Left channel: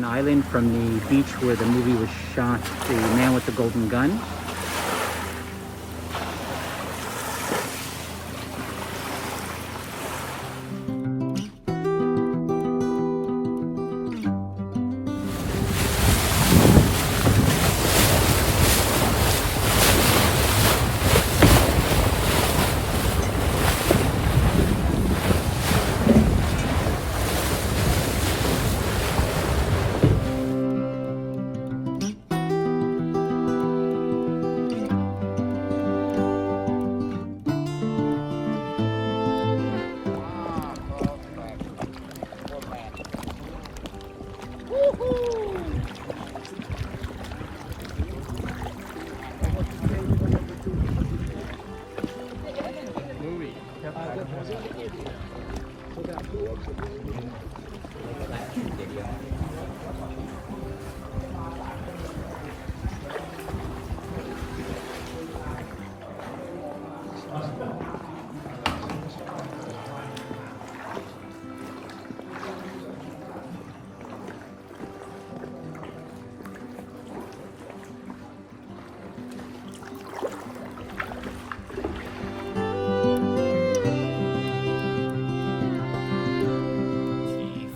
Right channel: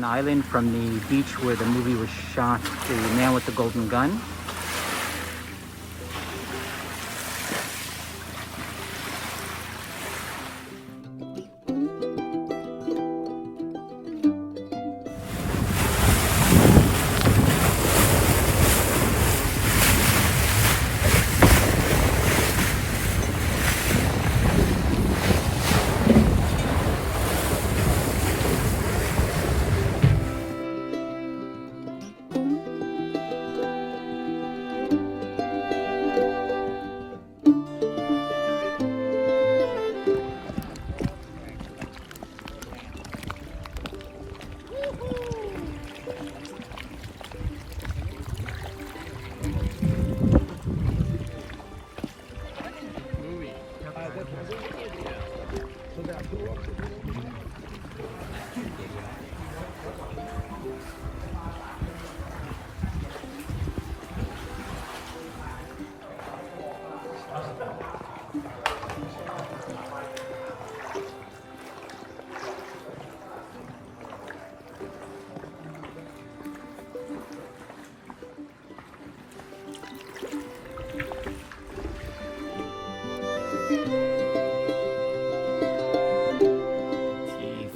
James Island from the beach where the movie was shot, The Man with the Golden Gun.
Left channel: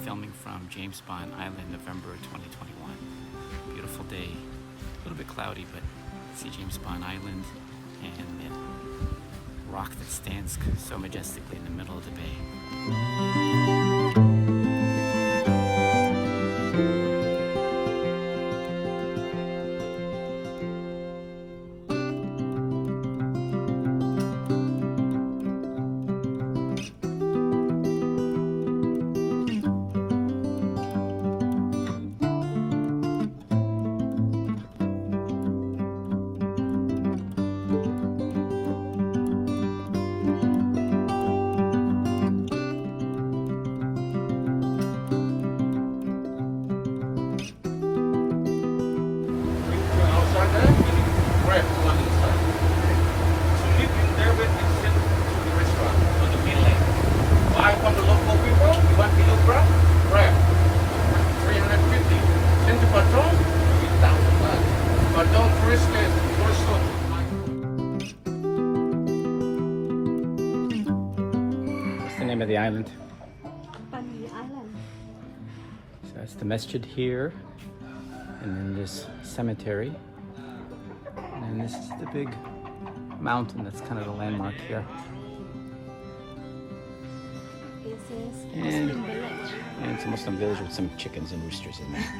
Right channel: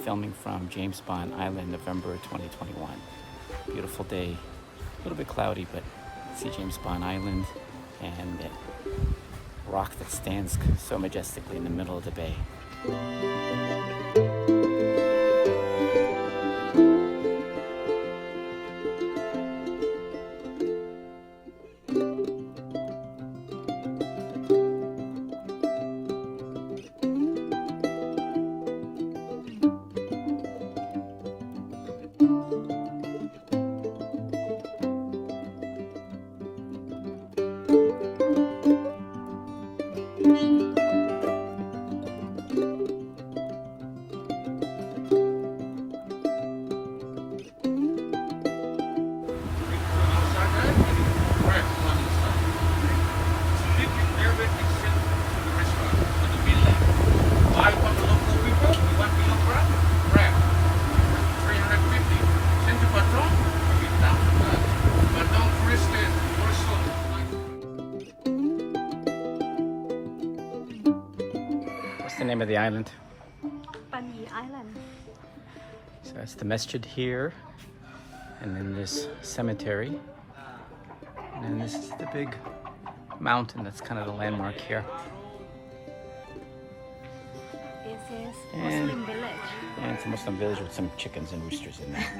Filming from James Island, November 2021. Beautiful day, a little bit cloudy, but see James Island and the rock that stands so majestically in the middle of the bay. What's the name of the island? Panyee Island. So that's the masjid here, and then this cemetery, and then this is the big mountain that's kind of the landmark here. This is And- Muslim village. And it's a Muslim village with some chickens and roosters in there.